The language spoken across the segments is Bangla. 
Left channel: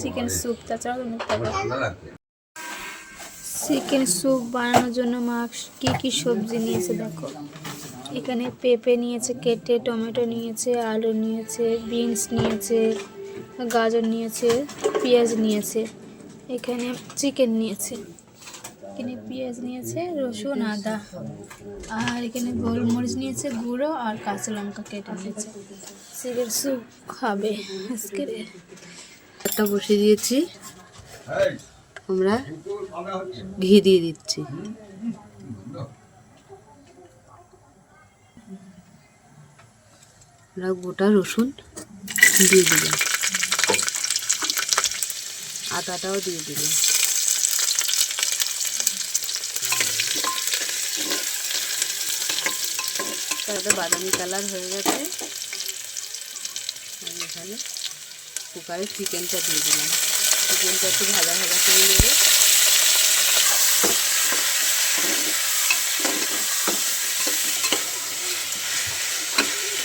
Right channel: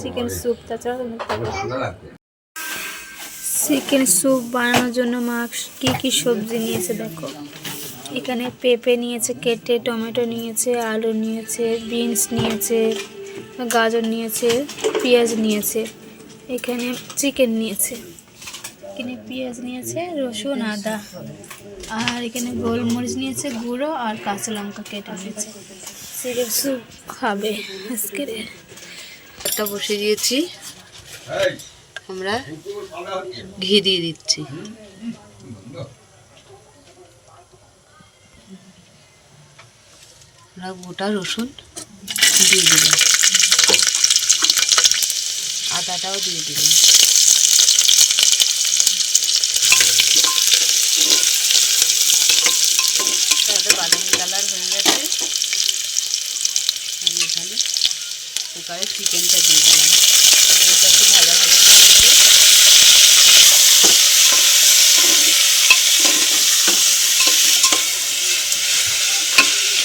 Chicken soup. তাছাড়া চিকেন স্যুপ বানানোর জন্য মা কি কি সবজি নিয়েছে দেখো। এখানে পেঁপে নিয়েছে কেটে, টমেটো নিয়েছে, আলু নিয়েছে, বিনস নিয়েছে, গাজর নিয়েছে, পেঁয়াজ নিয়েছে, এখানে চিকেন নিয়েছে, এখানে পেঁয়াজ নিয়েছে, রসুন, আদা, আর এখানে গোলমরিচ নিয়েছে গুঁড়ো, আর কাঁচা লঙ্কা কেটে নিয়েছে। চিকেন স্যুপ খাবে আজকে। একটা বসে দিয়েছি, আমরা ঘি দিয়ে দিচ্ছি। আমরা গোটা রসুন দিয়ে দিলাম, আদাটাও দিয়ে দিলাম। তারপরে বাদামি কালার হয়ে গেছে। আমি এখানে কুকারে চিকেনটা দিয়ে দিলাম। চিকেনটা একটু ভাজা ভাজা করে নেব।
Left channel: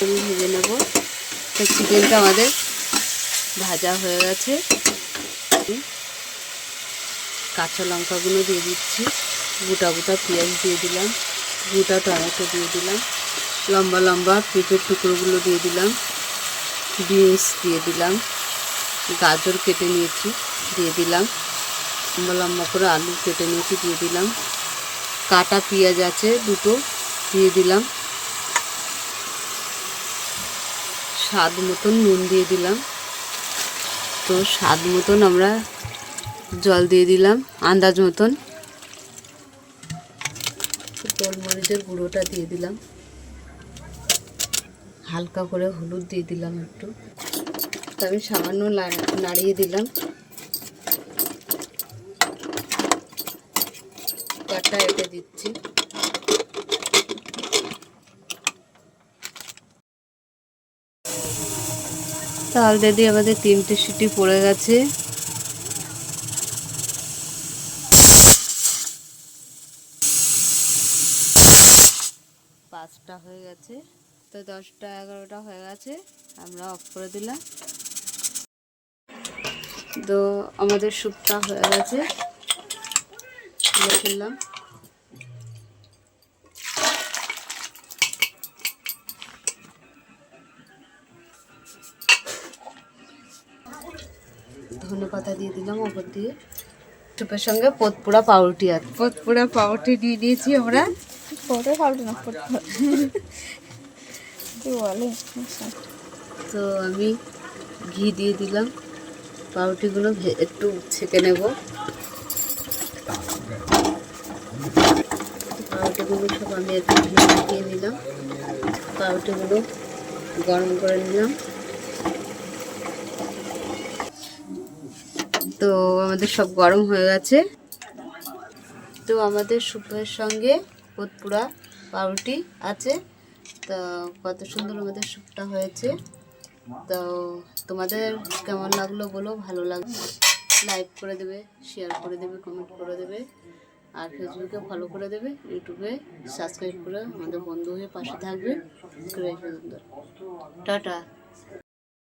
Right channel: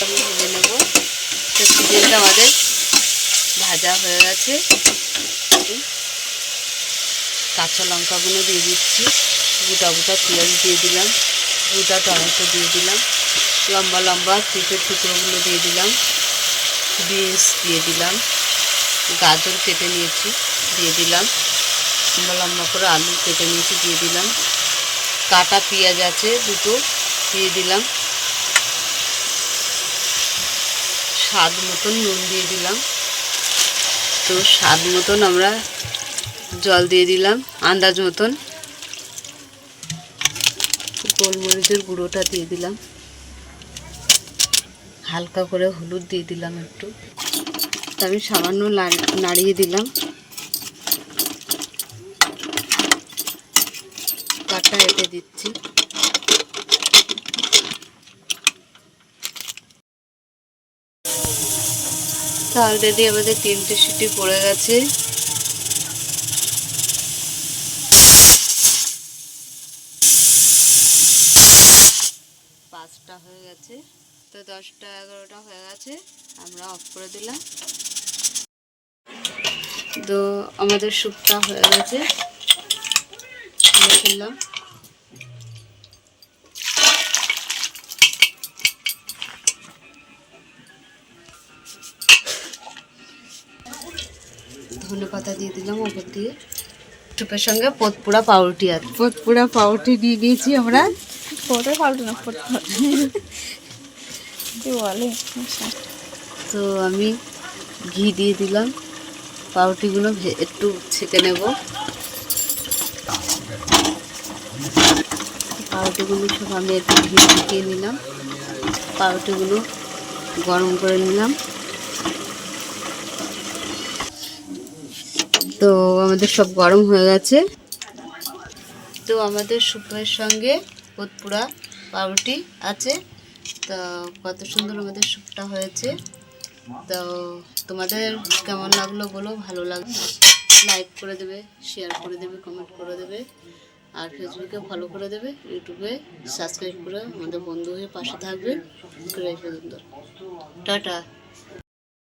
আমি ভেজে নেব। তো চিকেনটা আমাদের ভাজা হয়ে গেছে। কাঁচা লঙ্কাগুলো দিয়ে দিচ্ছি, গোটা গোটা পেঁয়াজ দিয়ে দিলাম, গোটা টমেটো দিয়ে দিলাম, লম্বা লম্বা পেঁপের টুকরোগুলো দিয়ে দিলাম, বিনস দিয়ে দিলাম, গাজর কেটে নিয়েছি দিয়ে দিলাম, লম্বা লম্বা করে আলু কেটে নিয়েছি দিয়ে দিলাম, কাটা পেঁয়াজ আছে দুটো দিয়ে দিলাম, স্বাদ মতন নুন দিয়ে দিলাম। তো স্বাদ মতন আমরা জল দিয়ে দিলাম, আন্দাজ মতন। গোলমরিচের গুঁড়োটা দিয়ে দিলাম, হালকা করে হলুদ দিয়ে দিলাম একটু। আমি সামান্য নাড়িয়ে দিলাম। কাঠটা এঁটে দিচ্ছি। অলরেডি আমাদের 3টে সিটি পড়ে গেছে। পাঁচটা হয়ে গেছে, তো 10টা 11টা হয়ে গেছে, আমরা অফ করে দিলাম। তো আমাদের স্যুপটা হয়ে গেছে, ফেললাম। ধনেপাতা দিয়ে দিলাম ওপর দিয়ে। স্যুপের সঙ্গে পতপুরা পাউরুটি আছে, পতপুরা পাউরুটি দিয়ে দিয়েছি আমরা। বলে তো আমি ঘি দিয়ে দিলাম, পাউরুটিগুলো একটু ছেঁকে নেব। পাউরুটিগুলো সব আমি একটু ঘি ছিটিয়ে নিলাম, পাউরুটিগুলো গরম করে নিলাম। তো আমাদের সব গরম হয়ে গেছে। তো আমাদের স্যুপের সঙ্গে পতপুরা পাউরুটি আছে। তো কত সুন্দর আমাদের স্যুপটা হয়েছে। তো তোমাদের কেমন লাগলো বলো, ভালো লাগলো লাইক করে দেবে, শেয়ার করে দেবে, কমেন্ট করে দেবে, আর ফেসবুকে ফলো করে দেবে, ইউটিউবে সাবস্ক্রাইব করে আমাদের বন্ধু হয়ে পাশে থাকবে। টাটা।